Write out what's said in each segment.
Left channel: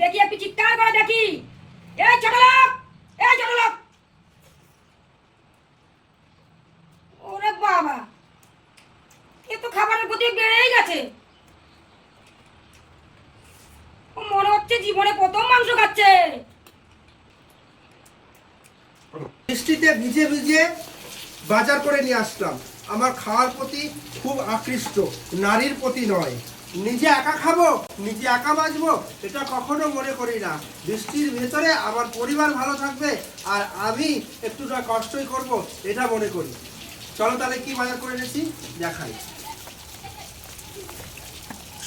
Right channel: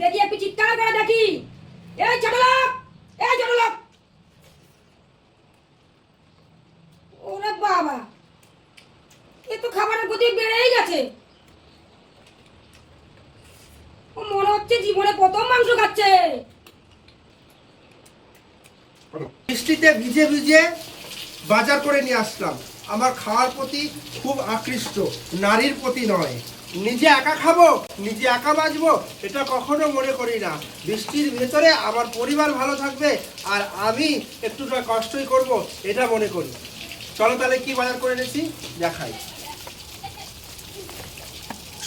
দেখি একটু চিৎকার করে দেখি। এই ছোট এই ছোট ওরে বাবা, এ তো খাবারের গতি বেড়েই গেছে। মনে হচ্ছে জীবনে প্রথম মাংস খাচ্ছে। বৃষ্টিতে ভিজে ভিজে বাজার করে নিয়ে আসলাম। আমার খাওয়ার প্রতি খুব আকৃষ্ট, নারীর প্রতি নয়। নিজে একা খাব, নিজে একা বাঁচবো, এটা কখনো মনে করি না। বৃষ্টির ভেতরে আমার পরিবার ভালো থাকবে আর আমি একটুটা কষ্টই করব, এটা মনে করি। চলো তাহলে কি বাজার করে এনেছি? দেখাই।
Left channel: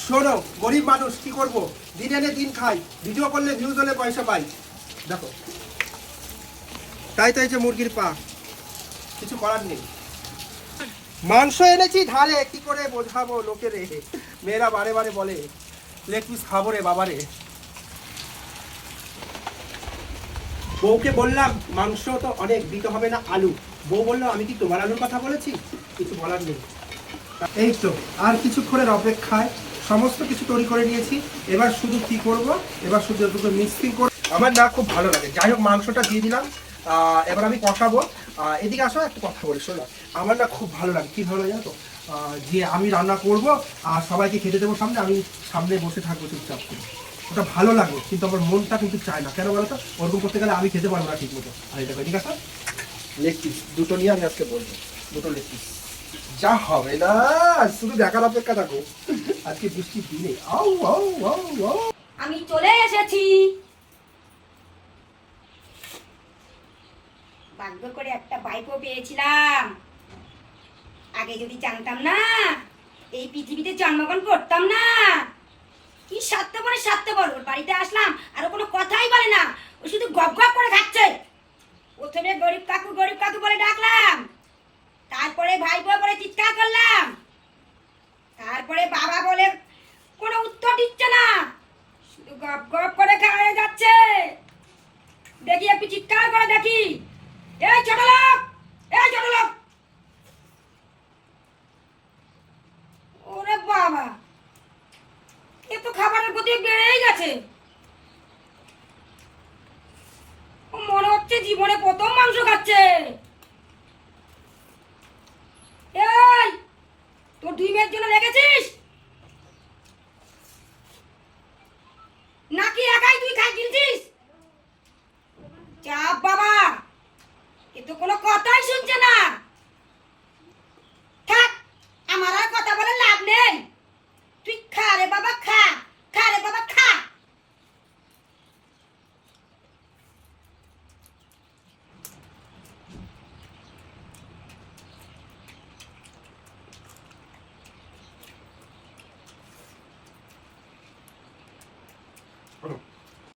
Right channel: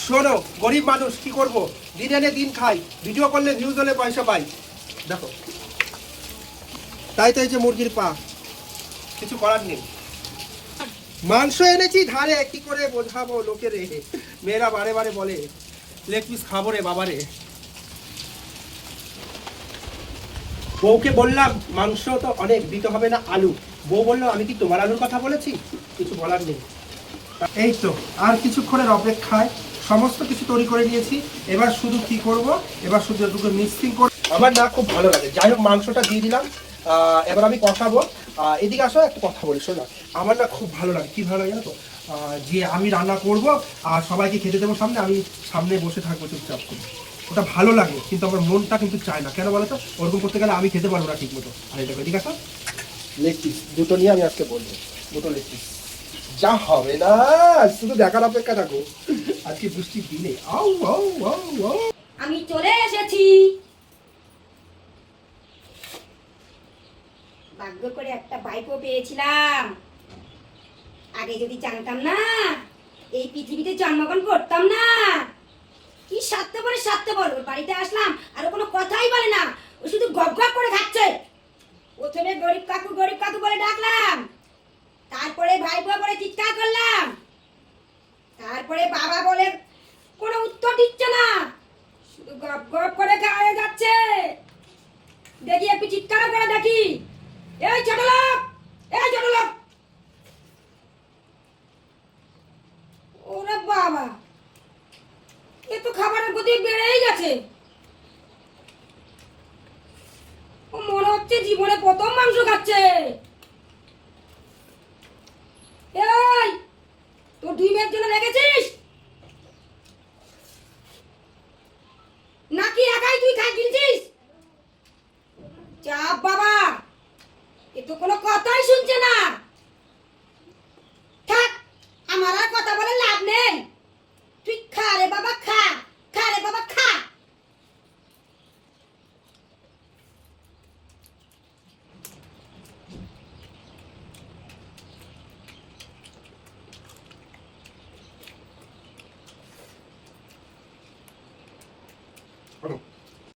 শোনো, গরিব মানুষ, কি করব? দিন এনে দিন খাই ভিডিও করলে ভিউজ হলে পয়সা পাই। দেখো। তাই তো এই যে মুরগির পা। কিছু করার নেই। মাংস এনেছি ধারে কি করে বোঝাবো লোকে রে মেয়েরা বারে বারে বলে লেগ পিস খাব রে বাবারে। বউকে বললাম মাংস তো অনেক দিতে হবে না আলু। বউ বলল আমি কি তোমার আলুর কথা বলেছি? কিছু বলার নেই। এই তো আর কিছুক্ষণের অপেক্ষায় সমস্ত কিছু তৈরি করে নিয়েছি। এবার শুধু কি করব? এবার শুধু দুটো মিক্সিং করব আমার না খুব ভালো লাগে। যাই হোক মাংসটা দিয়ে দিলাম। আহ, এবার আমি কষাবো। এদিকে আসো একটা কথা বলি শোনো। আমার না খুব ভালো লাগে। কি ভালো লাগে জানো তো? যে আমি রান্না করব আর সবাইকে খেতে দেবো সামনে আমি সামনে বসে থাকব চুপচাপ। করে ওটা ভালো লাগে কিন্তু আমার মনটা কিন্তু চায় না। কেন বলো তো? ওরকম করতে গেলে আমি খেতে পারব না ঠিক মতো আর এটা ঠিক আছে লেগ পিস দুটো নিয়ে আমি আজকে বলব। দুটো লেগ পিস যা হবে না শুধু দেখার অপেক্ষা থাকো। আজকে বৃষ্টির দিনে। আউ আউ আউ আউ। আমি চলে এসেছি। করে একটা বাইকও পেয়েছিলাম। আগে যদি জানতাম না, এই পৃথিবীতে জন্মগ্রহণ করতাম না। কি সারতে পারে সারতে বল ওর বাড়িতে আসলাম, আর কোনো কথাই বলে না। ও শুধু গপ গপ করে খাচ্ছে। প্রথমে গরিব কাকু গরিব কাকু বলে ডাকলাম। তারপরে ভাই বউ বলে চিৎকার করলাম। তারপরে বাবা বলে, কোনো উত্তর দিচ্ছে না। শুধু গপ গপ করে খাওয়া যাচ্ছে। দেখি একটু চিৎকার করে দেখি। এই ছোট এই ছোট ওরে বাবা! এ তো খাবারের গতি বেড়েই গেছে। মনে হচ্ছে জীবনে প্রথম মাংস খাচ্ছে। Oh.